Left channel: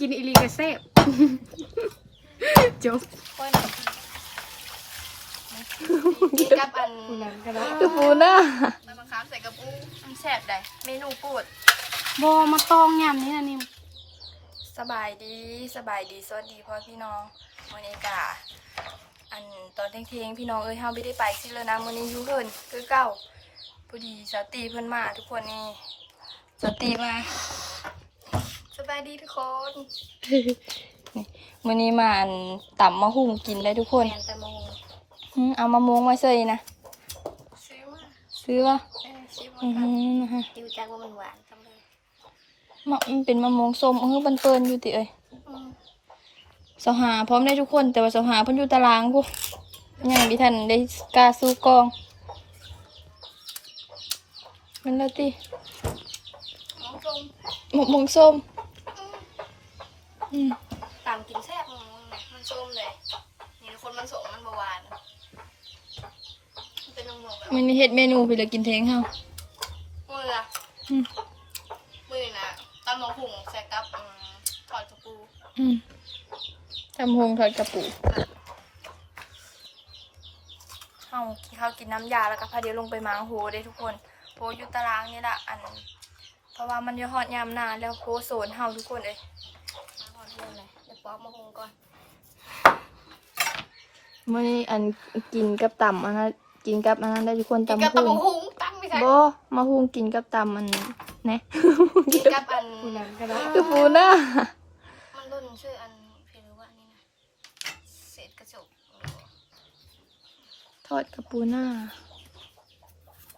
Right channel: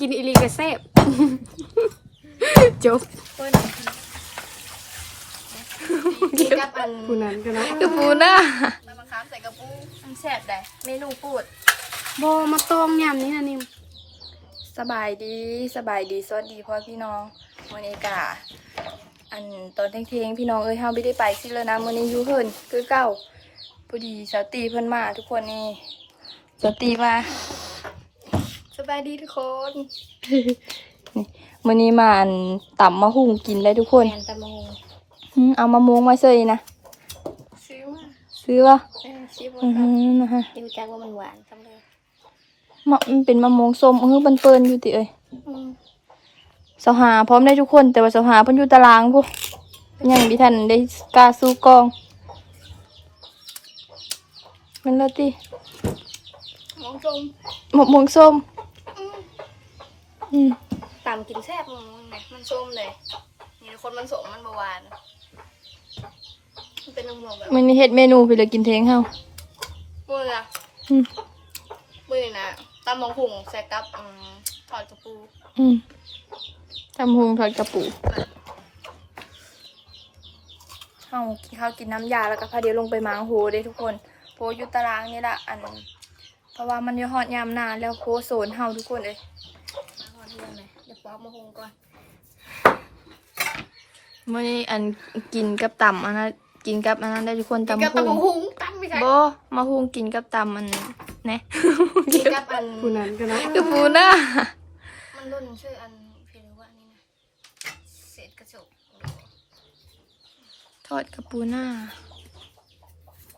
กินอีหลีกระแซบจบกินกับอันผู้นั้นก็เนาะกระปูนะมันบังคับใส่กระปูมันแซ่บได้เมนูปูดบอมาตองยำนี่นะนิมสบายดีสบายดีสวัสดีพ่อพี่น้องวันนี้กะอันตอนเที่ยงๆพี่น้องเอ้ยเฮาไม่ได้ไปที่แล้วนะมื้อนี้อยู่เพิ่นคือเก่าพอดีสาวตีเพิ่นมาทุกคนนี่สาวตีมา สบายดีทุกคนมื้อนี้มาอันต่ำมะฮุ่งกินเลยทุกคนแมนตะมงอืมเอามะม่วงมาเซยนะซื้อมาซื้อวะเออชิบอือหือนะคะดูจังว่ามันหวานจังเลยมะมันเป็นมะม่วงส้มเออมันเปิ้นอยู่ติเอ้ยอืมเสาหาพร้อมได้ทุกคน แต่ว่าเสาหาเพิ่นอยู่ตารางพวกยังดิทันได้กล้าสู้กองมันละติมองตรงมะม่วงส้ม อืมต่ำกินแซ่บมึงไหนมันส้มเลยมีคนมันส่งมันเมื่อวานมันเป็นนมแบบมันมีเฮ็ดเมนูคือจะกินเทงเฮาเบื่ออืมเบื่อนะตำมงหุงใส่กับอืมทอดกระปูอืมทำฮวงทอดกระปูเฮากินข้าวกินน้ำยาแล้วก็พาเดี๋ยวลงไปมางโหได้ทุกคนโพอยู่ตารางนี่ละอันเพราะว่ามันอยู่ฮอดยามหนาแล้วโพโซนเฮาทุกคนเลย มาหอดเรื่องเลยเดี๋ยวปอกมะฮุงก่อนมื่อนี้อันกินกับต่ำอันนั้นกินกับอันนั้นได้ทุกคนกินตำกับตำมงหุงตั้งไม่ใช่บ่มาหุงกินกับตำมันแหนะกินกับอันผู้นั้นก็เนาะกับปูนะมันรุ่นชื่ออันเพลว่านี่นะเศษกระจกทอดกับปูหน้า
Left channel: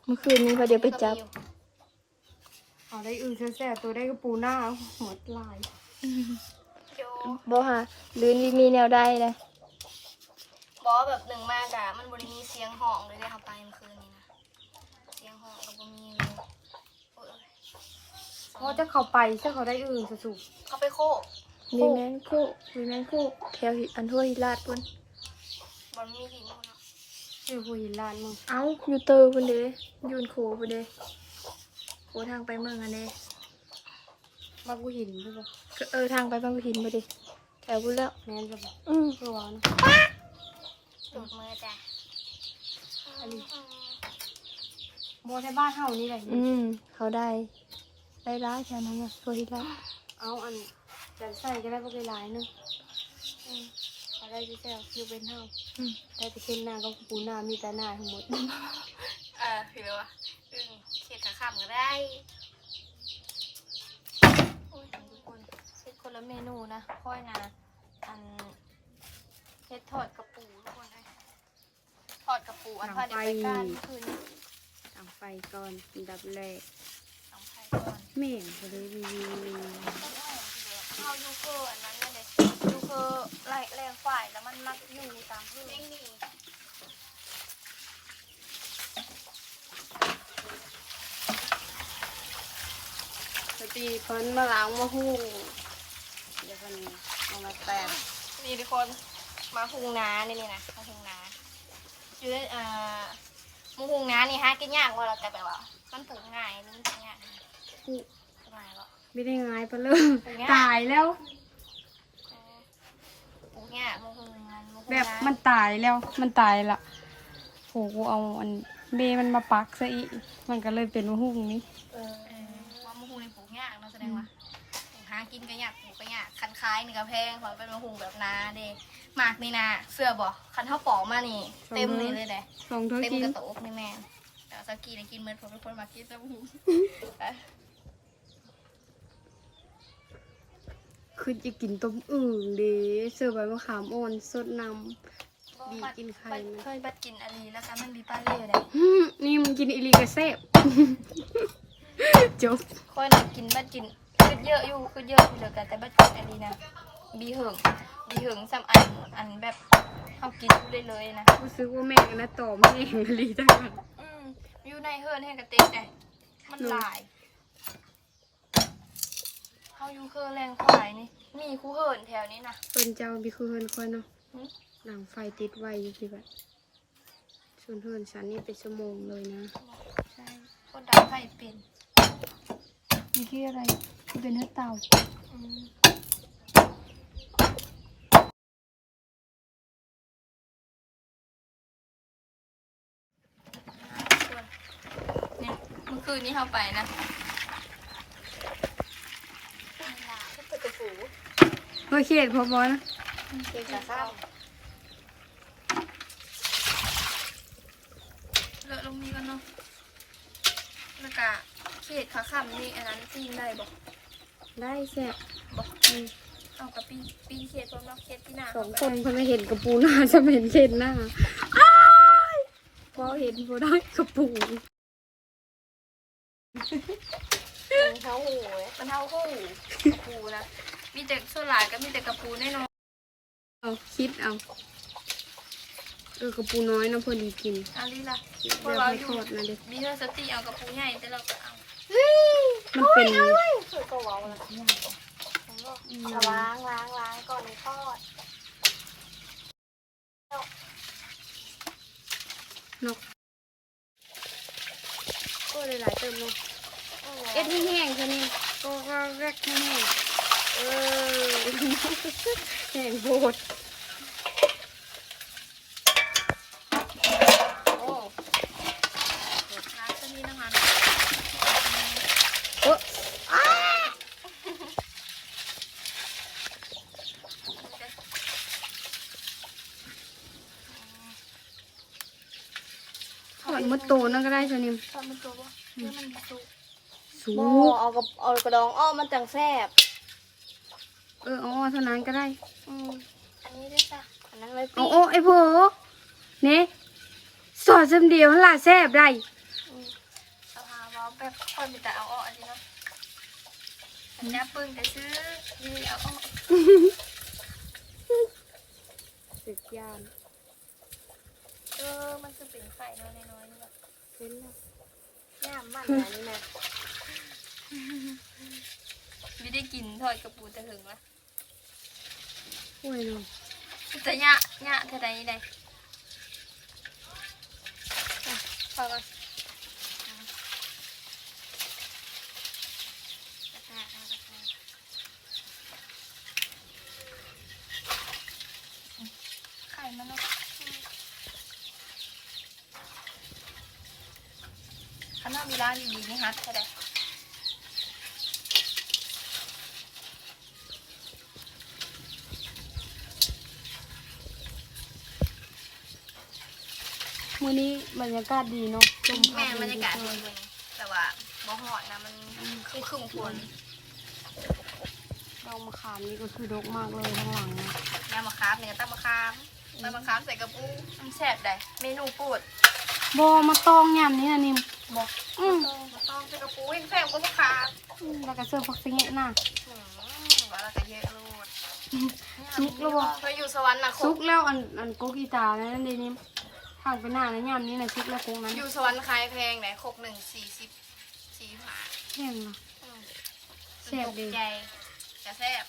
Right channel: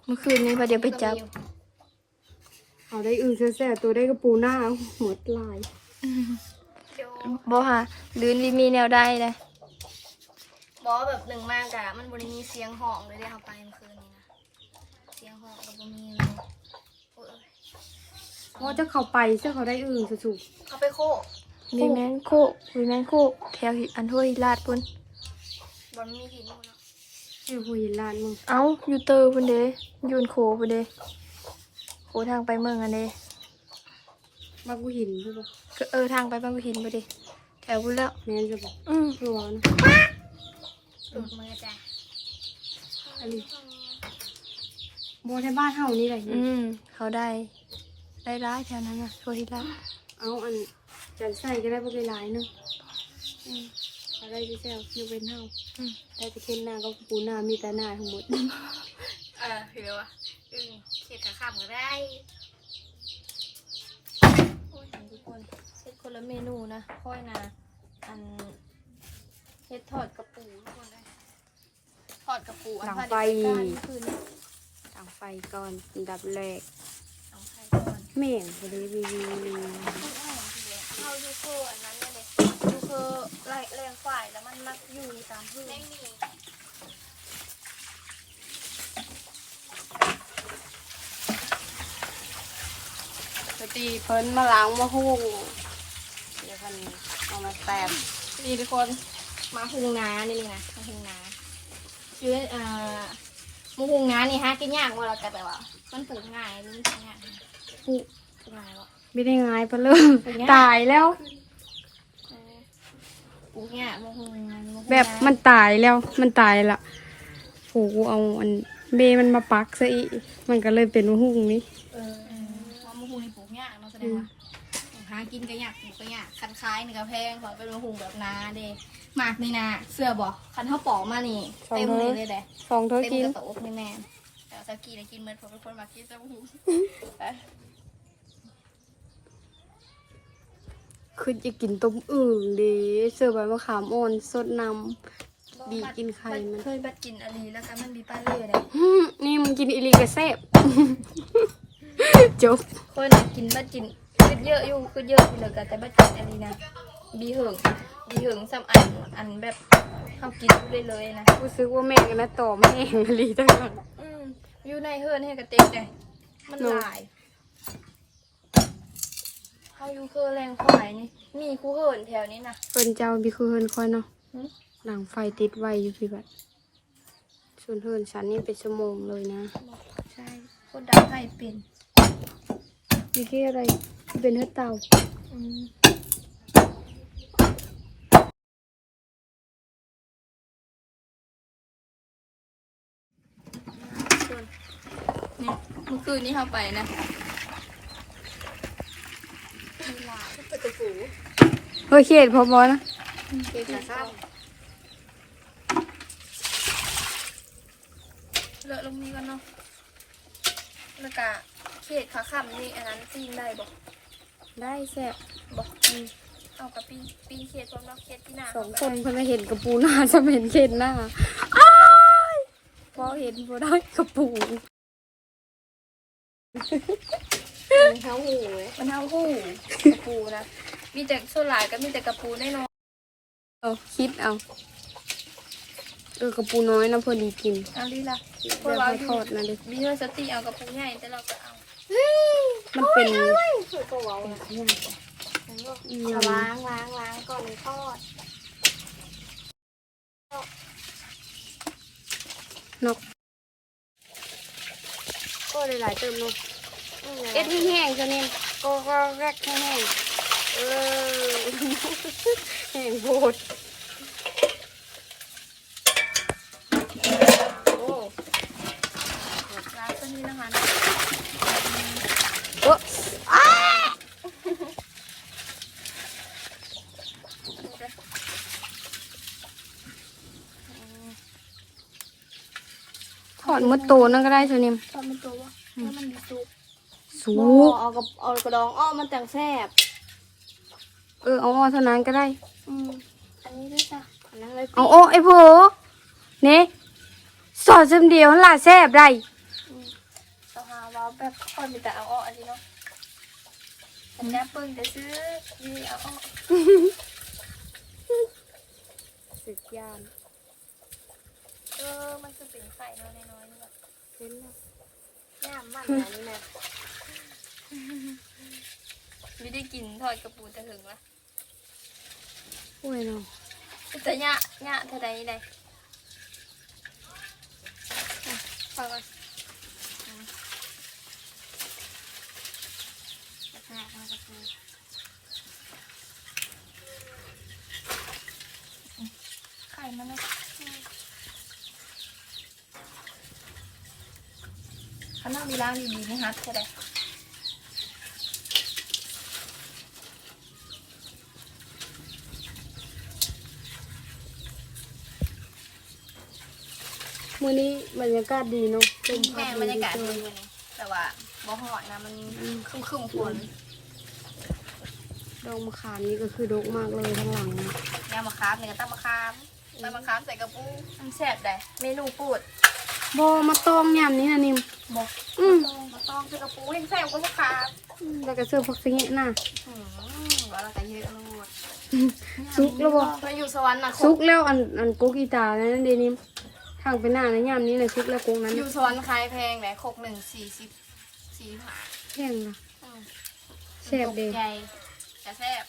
เมื่อคืนนี้พอเดี๋ยวไปจับเอาได้อื่นแซ่บๆตัวได้กระปูหน้าหมดลาย บ่ค่ะหรือลีมีแนวได้เลยบอแบบหนึ่งมากอะมันบนมีเสียงห้องเลยได้เข้าไปเมื่อคืนนี้นะเสียงห้องกับบนมีเลยโอ้ยเพราะจะเข้าไปเสื้อเขาได้อื่นสุดเขาไปโคกมีแมงโคกมีแมงโคกแถวอันห้วยลาดพุ่นบนมีหินเนาะๆนี่หัวหินลานมึงเอ้าอยู่เตอร์พุ่นเด้อยูนโคพุ่นเด้โคทางไปเมืองอันเด้ บ้ากูหินใช่ปะก็เออทางไปบางหินไปดิแถวพุ่นแล้วแม่นใช่ปะอืมเพื่อวานะตูดมือจ้ะอันนี้โบในบ้านเฮานี่แหละอืมเขาได้ได้ร้ายแถวนั้นนะห้วยลาดเอาอันจันใส่ก็ได้ปะไกหลายๆเนึงอืมเอาได้ที่แซ่บคือเป็นเฮาอืมได้ไปเช่นหน้าก็กระปูหน้ามีแต่หน้าทั้งหมด เออเห็นแล้ววะอืมเขียดขาข้ามก็ได้ ทุกคนเฮ็ด คนละเมนูนะค่อยนะอันเฮ็ดทอดกระปูทุกคนนะทอดกระปูอันหลังพันไฟการคืนนี้ตั้งไฟก่อนอันดับแรกหลังไฟก่อนแม่งรีวิวข้าวยูเคอร์อันนั้นเนี่ยเลยยูเคอร์ไล่แรงฝ่ายแล้วมันมักอยู่ตามพื้นปกติเพิ่นมาล้างมาหู้ เดี๋ยวมันเอามาแต้มนี่ทุกคนมาหุงนานี่เลยนะมาหุงนาชื่ออ่ามาหุงนานี่ฮะกินยากกว่าเราแต่แบบว่า มันปลูกง่ายหรือมันกินยากปลูกง่ายปะไม่ได้ง่ายปะเลยเป็นไงตายแล้วเออปลูกง่ายมาหุงนามาหุงนาแบบมันตายแล้วมันตายละโหกูเอาอันเบมันมาปักซะอีกมันก็เลยเป็นหุ่งนี้เออเออมามาหุงในปลูกง่ายเนาะแสดงว่า หากินก็ยากปลูกก็ยากคันคล้ายนี่ก็แพงเพราะเป็นมาหุงแบบนาเด้หมากนี่นะเสื้อบอกคันเท่าปอกมานี่ เต็มเลยเลยเด้สองเท่าเต็มกินกระโตกนี่แม่แต่สกีเนี่ยกินเมื่อผมเป็นคนมากินแต่หูคือจะกินต้มอึ่งเดีเสิร์ฟใบมะขามอ่อนสดนำบีบกินไข่มันเคยบัดกินอันนี้แล้วกันมันมีปลาเล่เลยฮึ่มนี่มึงกินอิลีกระแซบจบคนน่ะกินบัดกินคือ เยอะอยู่คือเยอะอยู่เลยกันแต่บัดกินอันนี้นะบีเหิงบีเหิงซ้ำอันอันแบบเขากินเลยเลยนะกูซื้อว่าแม่กันนะต่อแม่งอลีตั้งแต่อืมอยู่ในเฮิร์นให้กระเตกเลยมันหลายเขาอยู่เคอแรงฝ่ายนี่มีคูเฮิร์นแถวนี้นะเป็นเจ้าบีคือเฮินคอยเนาะหึหลังไฟติดไว้อยู่พี่แบบส่วนเฮินฉันนี่เป็นชั่วโมงเลยนะ ใช่คนดังไผ่เป็นมีที่อะไร เป็นเฮ็ดเตาเนี่ยเมื่อคืนนี้เข้าไปนะมีหยเปิดระโอเคพอบอนะเก่งเลอะลงนี้กันเนาะแล้วก็เขตขาขำนี่อันนั้นจีนได้บอก ได้แซ่บบอกเอากับปีปีเขตพร้อมเราเขตพี่นาสองคนเพิ่นไม่เห็นกระปูหน้าจะเห็นเขตหน้าพอเห็นก็ได้กระปูเท้าหูมันเท่าหูกระปูนะมีแต่ส่วนหลายก็มีแต่กระปูแน่นอนเอาคิดเอาเออกระปูน้อยนะพอดีกินเอาดีละพเดี๋วยวกเราไปอยู่ทอดนะดิมีเพื่อสติเอากระปูใหญ่แต่เราก็เอา มันเป็น คือตัวย่างก่อนเอาล้างล้างล้างก่อนเลยทอดนกก็เลยหลายติมเลยเอ็ดที่แห้งจะเนี่ยก็ก็แรกแห้งเออแห้งโหด โอ้ ล้างตัวนี้น้ำมัน โอ้ ถ อดมดโตนั่นก็ได้ตัวนี้ตอนมันตัวให้มันมีซุปสูโอ้งเอากับเอากระดองอ้อมันจังแซ่บเออเอาอ้อเท่านั้นก็ได้ อืมอันนี้ด้วยจ้ะอันนั้นเลยเอาอ้อไอ้โผเนี่ยสอดซึมเดียวหล่ะแซ่บได้สภาวะแบบคนมีแต่เอาออกอันนี้เนาะสัญญาปึ้งจะซื้อดีเอาออกสุดยอด เออ มันคือเป็นไข่น้อยน้อยๆนี่แบบเห็นแล้วย่ามมันอะไรนี่แม่ไม่ได้กินทอดกระปูแต่ถึงละโอ้ยเนาะแต่ยะยะเท่าใดใดฟังมาลักษณะทางกระปูไข่มันเนาะ ข้างนอกมีร้านดีๆนะฮัทเท่าใดมื้อนี้บรรยากาศดีเนาะลมพัแม่ดบรรยากาศดีดีวันนี้แต่ว่าบ่หอดนะมันครึมครึมๆฝนดอกมะขามนี่ก็คือดกมากเลยทั้งหลังนะยำมะขามเนี่ยก็ตั้งมะขามตั้งมะขามใส่กระปูมันแซ่บได้เมนูปูด บอมาตองยำนี่นะนิมบอกอืมต้องมาต้องใส่กระปูยังแซ่บกว่ามะขามแล้วก็เสิร์ฟผักสิงห์น่ะอืมว่าแล้วก็เยอะโลดซุกแล้วบ่เคยอยู่สวรรค์นะซุกแล้วอันอันกุกอีตานั่นเดนิมทางไปหน้านะยำนี้นะซุกแล้วกุกนั้นอยู่สวรรค์ขายแพงไหนครกหนึ่งสี่สิบสี่ห้าแห้งล่ะอืมแซ่บเด้ใหญ่แต่แซ่บ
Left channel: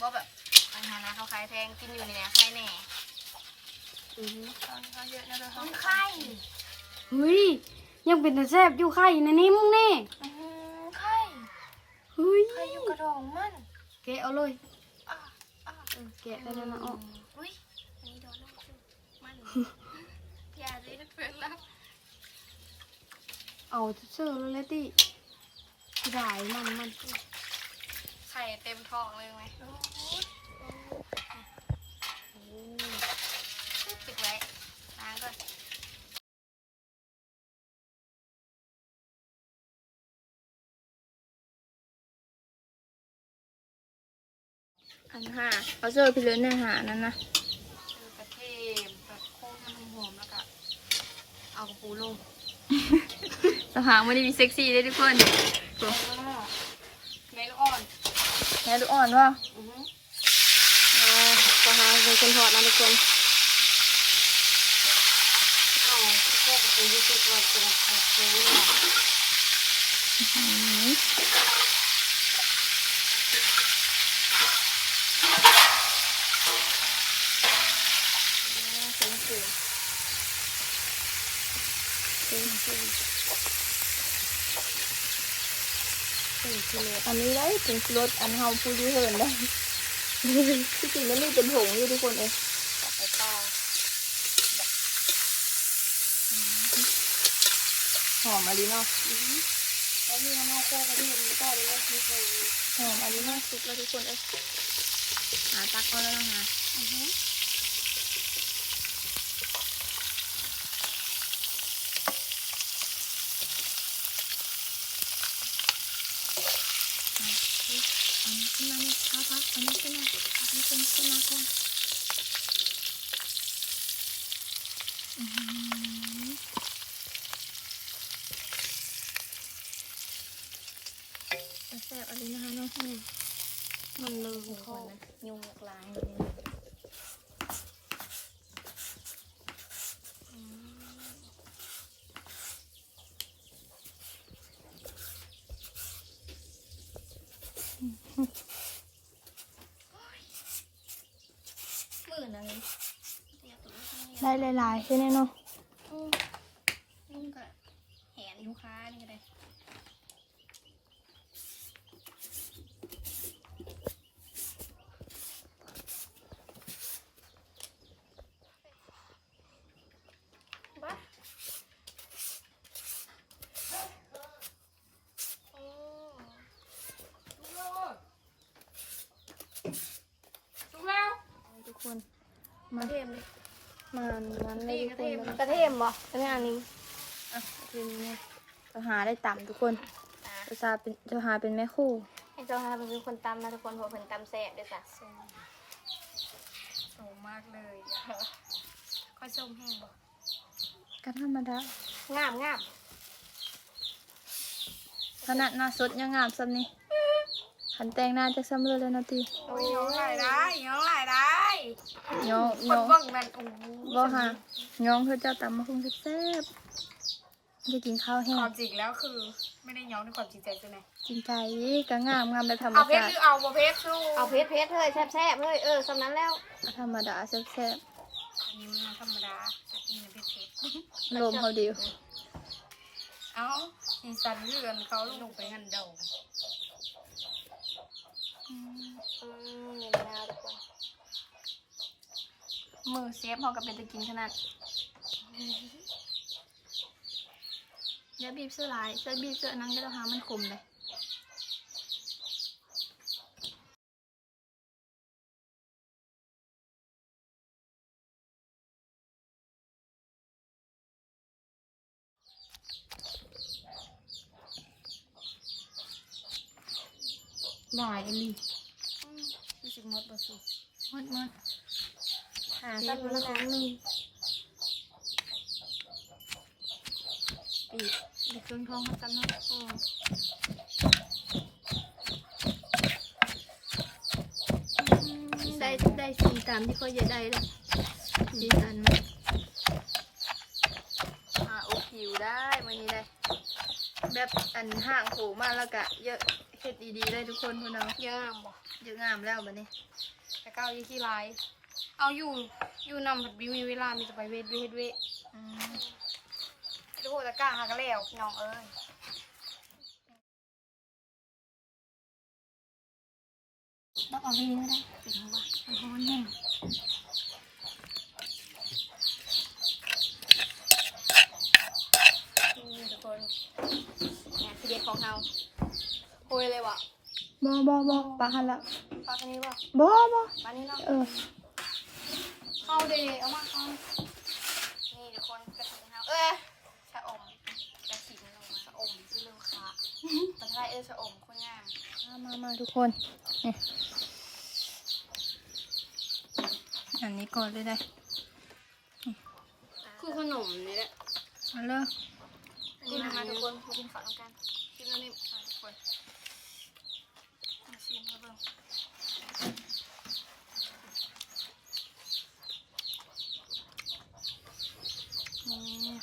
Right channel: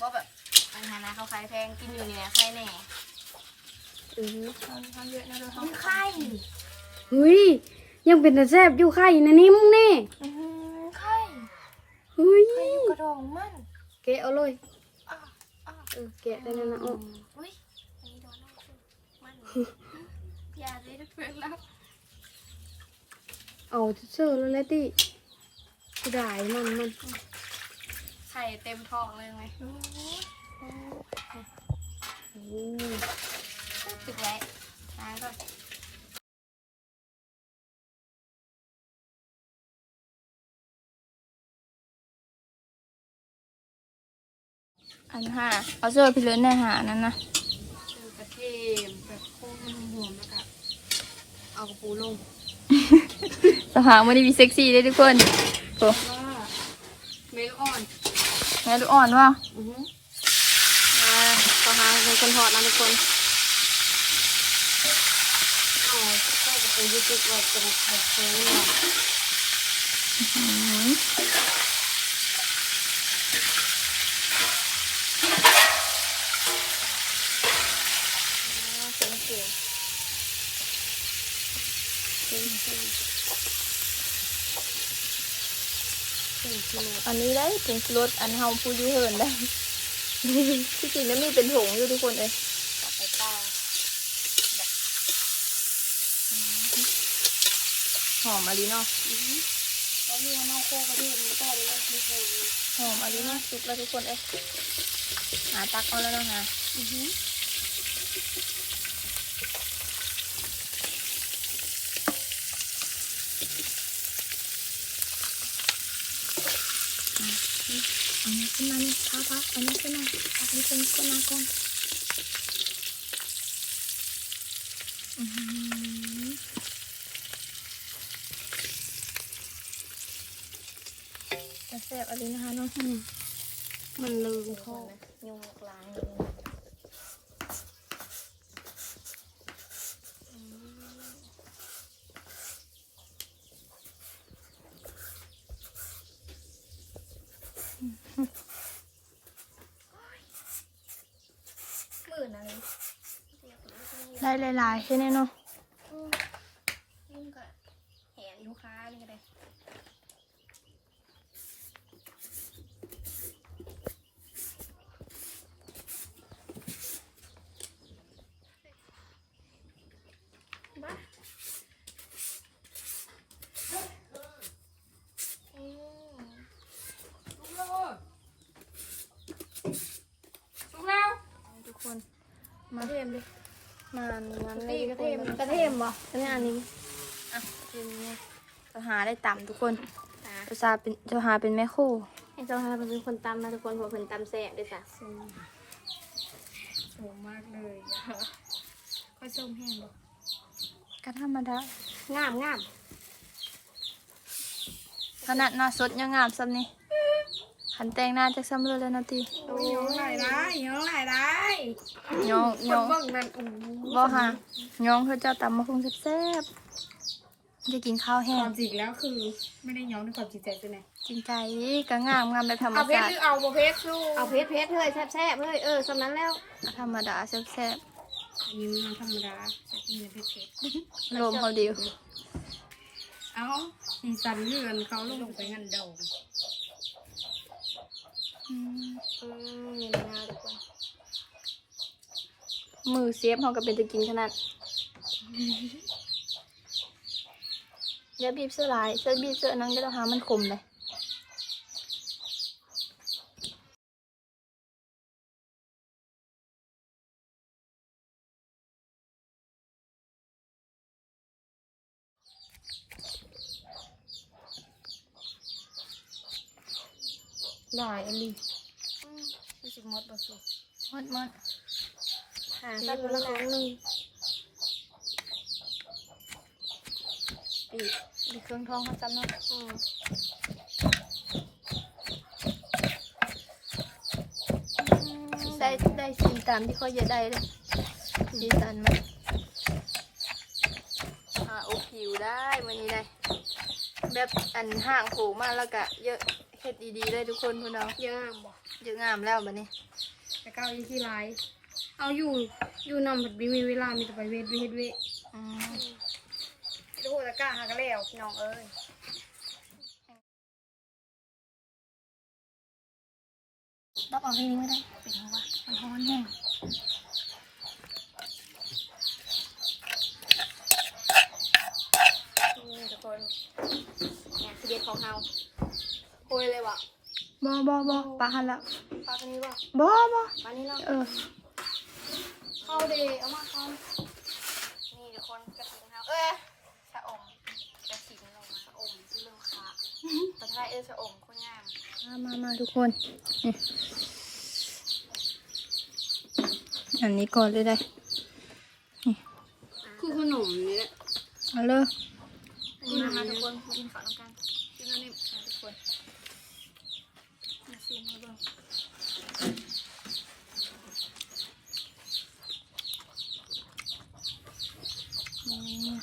บ่แบบอันนั้นนะเขาขายแพงกินอยู่นี่นะใครแน่อือตอนนี้เขาเยอะนะเลยมันไข่เฮ้ยยังเป็นแต่แซ่บอยู่ไข่นะนิมแน่อืมไข่เฮ้ยไข่อยู่กระดองมันแกะเอาเลยอะอะเออแกะได้แล้วนะอ๋ออุ้ยอันนี้โดนน้ำซุปมันอย่าเลยนะเพื่อนรักเอาเชื่อแล้วแหละติสิได้มันมันไข่เต็มท้องเลยไหมโอ้ปิดไว้ล้างก่อน อันห้าเอาเสื้อพี่เลินในหานั่นนะเจอกระเทียมแบบโค้งให้มันหอมแล้วก็เอากระปูลงสภาพวันนี้มีเซ็กซี่ด้วยทุกคนโอ้เมลอ่อนเนื้อดูอ่อนว่ะอือฮึมาในกันหอมในกันเอาแค่กระปูยุติว่าเป็นแบบเซลล์เป็นเสือเป็นเสือ เป็นกิโลอันนี้ได้ถึงรสอันเฮาพูดยูเหินได้ที่จริงมันมีเป็นผงอยู่ทุกคนเองต่อไปต่อหอมอะไรเนาะแล้วมีน้องโคกระเทียมแล้วก็เลยมีโคหอมอะไรเนาะสุดแล้วทุกคนเอ้ยหาตักเอาแล้วนะคะอือฮึ อันนี้ขึ้นมานี่ท้าท้า อันนี้ขึ้นมาอันนี้ขึ้นขึ้นมาก่อนอืมแซ่บอะไรนะคะน้องอืมมันลืมทุกคเขานนะยุงกลางเลยอนะเลย ได้หลายๆใช่ไหมเนาะ มันก็แหนลูกค้านี่ก็ได้ บ้าทุกคน กระเทีย มดินานตีกระเทียมกระเทียมบ่อันนี้อันนี้จะหาได้ต่ำทุกคนจะหาเป็นจะหาเป็นแม่คู่ไอ้เจ้าฮาเป็นคนตำนะทุกคนผมเป็นตำแซ่บด้วยจ้ะสูงมากเลยค่อยส้มแห้งบ่ก็ธรรมดางามงามขนาดหน้าสดยังงามซ้ำนี่ หันแต่งหน้าจะซ้ำเลยเลยนาทีโอ้ยย้องหลายได้ย้องหลายได้น้องคน้นองเบิ่งนั่นโอ้โหบ่ค่ะน้องเพื่อเจ้าตำมาคงแซ่บๆจะกินข้าวแห้ควางมจริงแล้วคือ ไม่ได้ย้องในความจริงใจใช่ไหมจริงใจก็งามงามแบบธรรมเอาเพชชารติหรือเอาบ่เพชรลูกเอาเพชรเพชรเลยแซ่บๆเลยเออสำนั้นแล้วธรรมดาแซ่บอันนี้มันธรรมดาแต่กินเพชรเพชรๆรวมเขาเดียวเอ้าสีสันเลือนเขาลงไปนั่นเดา อืมอืมมีมะนาวทุกคน มือเสียบเขาก็เป็นจะกินขนาดอย่าบีบเสื้อลายเสื้อบีบเสื้อนั้นก็ต้องหามันคมเลย หลายอันนี้รู้สึกมดบ่สุกมดมดอ่าใส่คนละครั้งหนึ่งบีบบีบเครื่องท้องเขาจำเนาะอืมได้ได้สีตามที่เขาจะได้เลยสีสันมันอ่าโอผิวได้วันนี้เลยแบบอันห่างโผล่มาแล้วก็เยอะ เฮ็ดดีๆเลยทุกคนคุณเอาเยอะบ่เยอะงามแล้วบัดนี้แต่ก้าวยี่ที่ลาย เอาอยู่อยู่นำผัดบีมีเวลามีแต่ไปเวทเวทเวทอืมดูตะก้าหากระแล้วพี่น้องเอ้ยต้องเอาให้ไม่ได้เป็นว่ามันร้อนแน่นี่ทุกคนงานที่เด็ดของเฮาโคุยเลยว่ะบ่บ่บ่ปลาหันละปลาตัวนี้ว่ะบ่บ่ปลานี้เนาะเออเอาดิเอามาเอานี่ทุกคนกระถิ่นเฮาเอ้ยชะอมกระถิ่นลงมาชะอมที่เรื่องขาตะไคร้เอ้ยชะอมโคนงามมามามาทุกคนนี่อันนี้ก่อนเลยได้คือขนมนี่แหละเอาเลย กินอันนี้กินฝันกันกินอันนี้ค่ะทุกคนมาชิมให้เบิ่ง อืม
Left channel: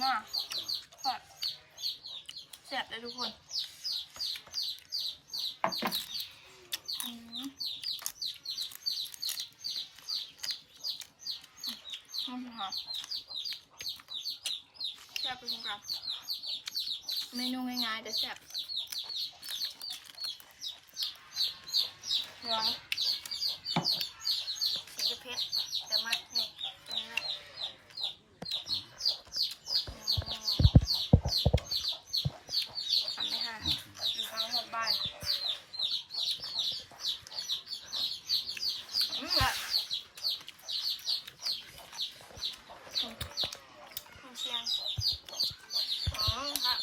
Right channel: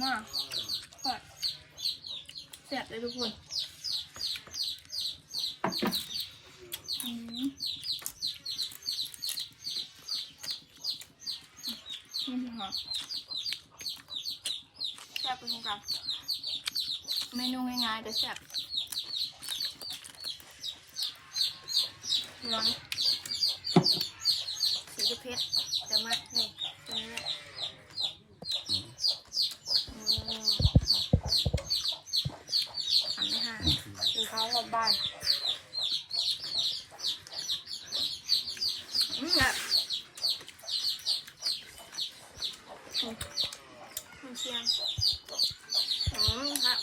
ปูหน้าอะแซ่บเลยทุกคนอืมอืมค่ะแซ่บเป็นกันเมนูง่ายๆแต่แซ่บเหลืองสีจะเพชรแต่มานี่ตรงนี้แหละอืมอันนี้ค่ะคือเขาชอบบ้านอืมแบบอืมอืมเชียงอ๋อครับ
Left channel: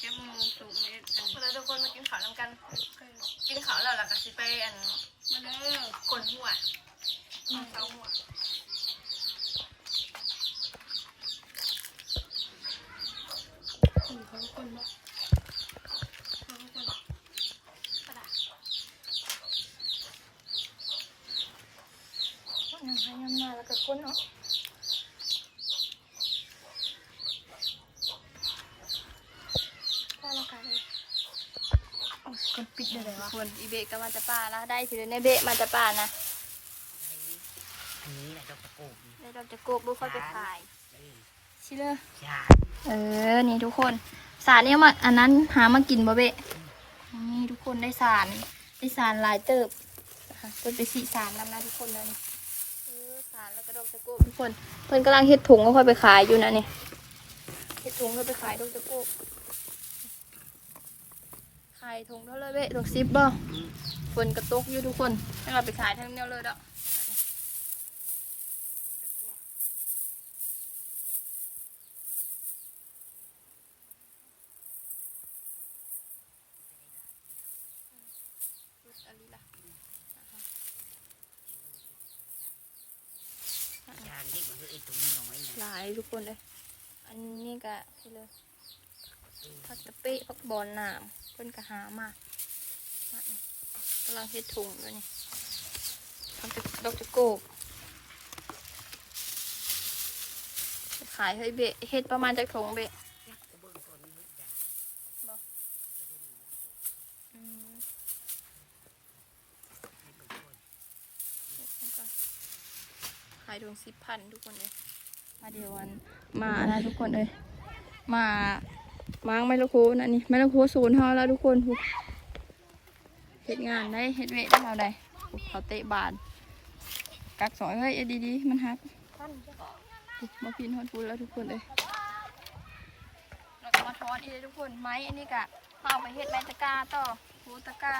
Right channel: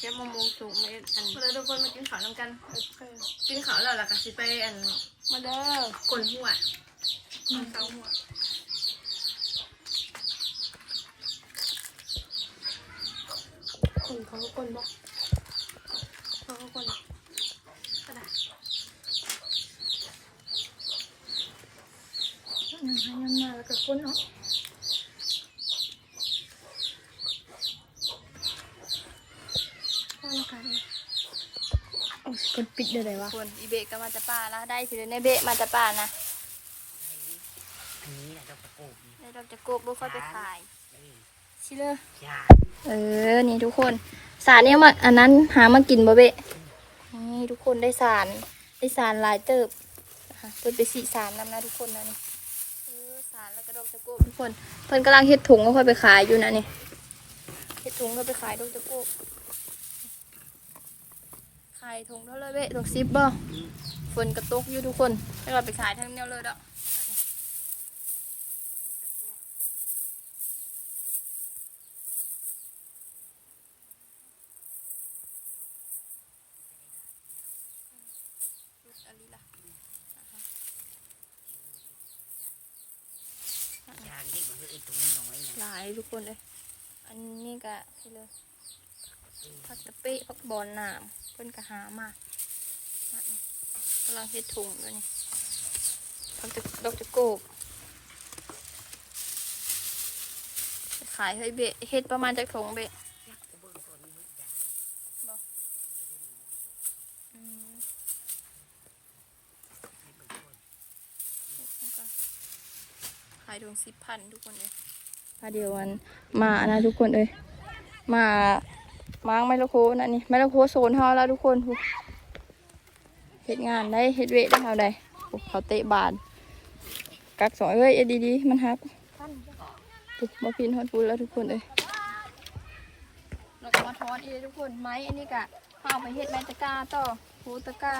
เดี๋ยวไปเก็บมะม่วงสุกมาอันเลยทุกคนมากินข้าวน้ำกันกินข้าวแล้วล่ะก็สิไปอันมาเด้อกลนหัวเอาเตาหัวคนเขาก็คนบ่เขาก็คนกระดาษน้ำให้น้ำหน้าแล้วก็คนเอาเอาละ โอ้ยกดปิดได้เลยวะคนอีเบะก็มาจะป่านะ ได้สิในเบะมาจะป่านะได้ดอกจะโกกดูค่อยไปขายชิเลยเออ นี่ทุกคน สารเนี่ยมาอันนั้นหามากินบ่เบะ นี่ทุกคนได้สารได้สารหลายเติบนะคะเพิ่นไปสีสารนำนะทุกคนนะนี่เออสารแล้วก็ดอกจะโกกทุกคน เพิ่นกำลังเฮ็ดถุงก็ค่อยไปขายอยู่นะนี่ เฮ็ดถุงก็ไปขายดอกจะโกก ขายถุงเท่าเลยเบะดอกซิปบ่ฝนกระตกอยู่ทุกคนให้เราไปขายทั้งเดียวเลยดอกหลายทุกคนเลยอันนี้ก็คือเลย พักตะเปะพักบอลหนามเพิ่นก็หามากำลังเฮ็ดถุงด้วยนี่พักตะดอกตะกบขายให้เบะเฮ็ดประมาณจากถุงเบะขายถุงสิบพันทุกคนเลยมาเดี๋ยววันมานะทุกคนเลยมา ม้างไมละโคนั่นนี่ไมละโคโซนเฮาแล้วทุกคนเฮ็ดงานได้เฮ็ดเวทได้เฮาได้เขาเตะบานกักสอยเอ้ยเอ็ดดีๆมันฮักปุ๊บมาพินฮอดปูแล้วทุกคนเลยเราจะมาทอดอีกเลยทุกคนไม้อันนี้กะเอาไปเฮ็ดไม้ตะกาต่อโหตะกา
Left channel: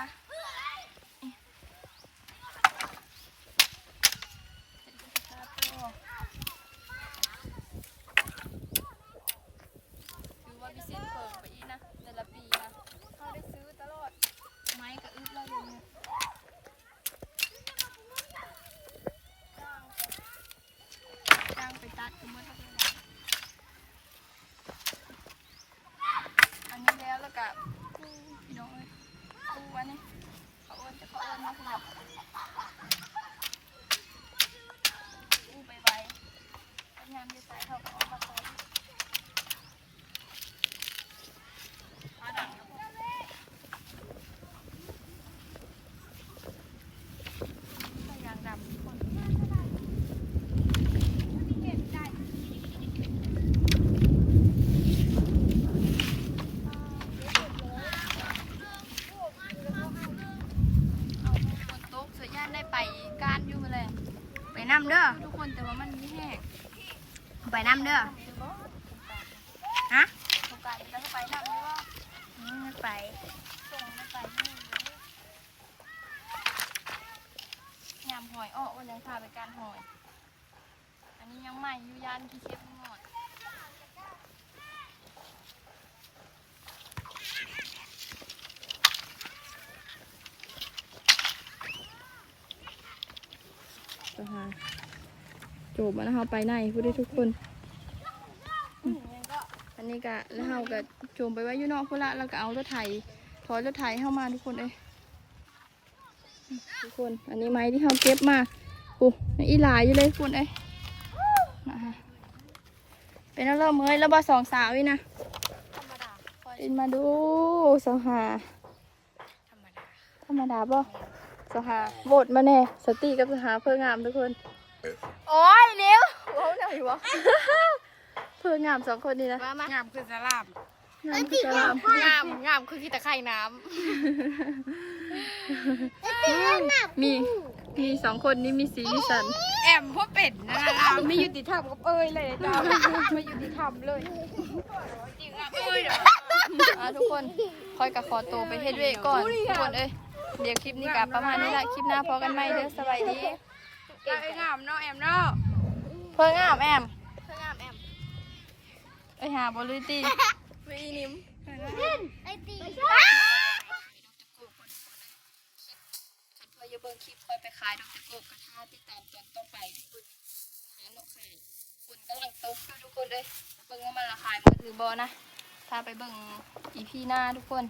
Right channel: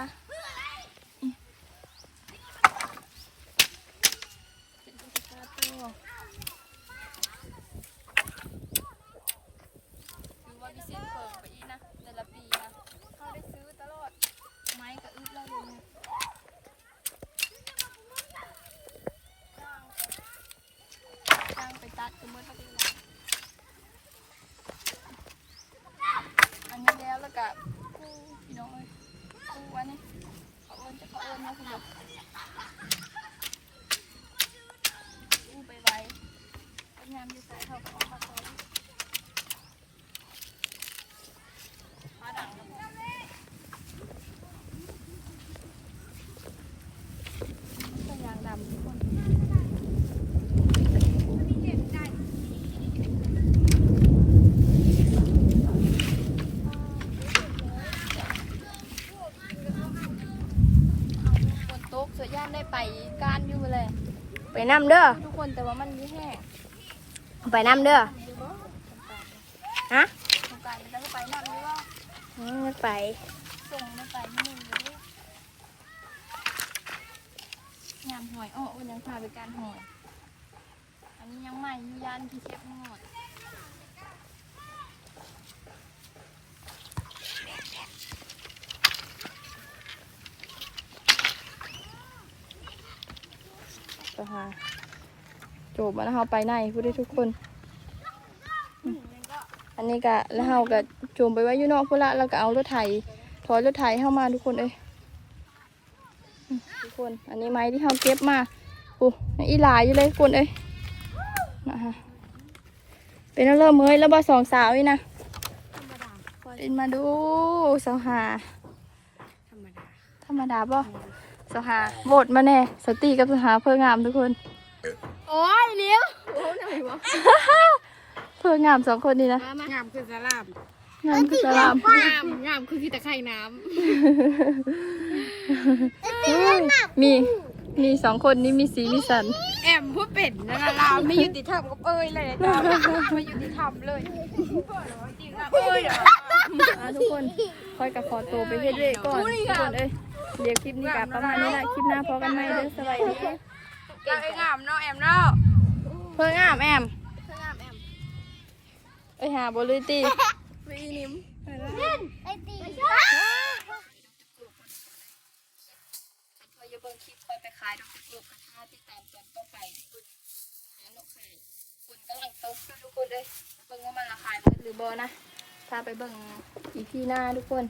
นี่เฮ็ดไม้ตะกร้าต่อ ถือว่าพิเศษเพิ่มไปอีกนะ แต่ละปีนะเขาได้ซื้อตลอด ไม้กับอึดแล้วเลยเนี่ยจ้างไป ตัดกันเมื่อไหร่อันนี้แล้วแล้วกับกู้พี่น้องเอ้ยกู้อันนี้เขาเอินจะเขาเอินมาคุณบอกกู้ไปไว้ก็งานดีไซน์เขาก็เอามาขอ หาดังครับผมก็ยางดำทุกคนเอาฝนตกเสียย่านได้ไปการอยู่เลยไปน้ำเด้อทุกคนแต่ว่ามันมีแห้งไปน้ำเด้ออยู่บ่ฮะสงกรารจะไปนั่งอยู่บ่อืมไปส่งไม่ไปที่มือเลยยามหอยอ้ออ้นยังพาไปการหอย อันนี้ยังใหม่อยู่ยานที่เชฟงอด ไปหาโจบมาแล้วเฮาไปไหนพูดได้ทุกคน อันนี้ก็แล้วเฮาก็โจมไปไว้อยู่นอกพุ่นละแล้วก็เอารถไถถอยรถไถเข้ามาทุกคนเอ้ยอืมทุกคน อันนี้ไม้ที่เฮาเก็บมาโอ้อีหลายอยู่เลยทุกคนเอ้ยนะฮะเป็นแล้วเริ่มเมยแล้วบ่สองสาวนี่นะธรรมดาขอดินมาดูสาวหาธรรมดาบ่ สภาโหวตมาแน่สตีกับสหาเพื่องามทุกคน โอ้ยเร็วโอ้ยหน่อยวะเพื่องามสองคนนี่นะงามคือสลามงามคือสลามงามงามคือขี้ตะไคร่น้เฮ้ยมีมีสองคนนี้มีสีมีสันำแอมพวกเป็ดนะลามไม่ยุติธรรมกับเอ้ยเลยไม่ยุติธรรมเลยจริงอะเอ้ยเหรออะทุกคนคอยกับขอตัวไปเฮ็ดเวยก่อนทุกคนเอ้ย เดี๋ยวคลิปนี้กับประมาณนี้ละคลิปหน้าพอกันไหมเด้อสบายดีเราไอ้งามเนาะแอมเนาะเพื่องามแอมเอ้ยหาบริตีไม่นิ่มเราจะเบิ่งคลิปคอยไปขายทุกคนกระทาที่ตามตอนต่อไปทุกคนหาเนาะไข่คุณกำลังตกทุกคนเลยเบิ่งว่ามันราคายหรือบ่นะถ้าไปเบิ่งอีพีหน้าทุกคน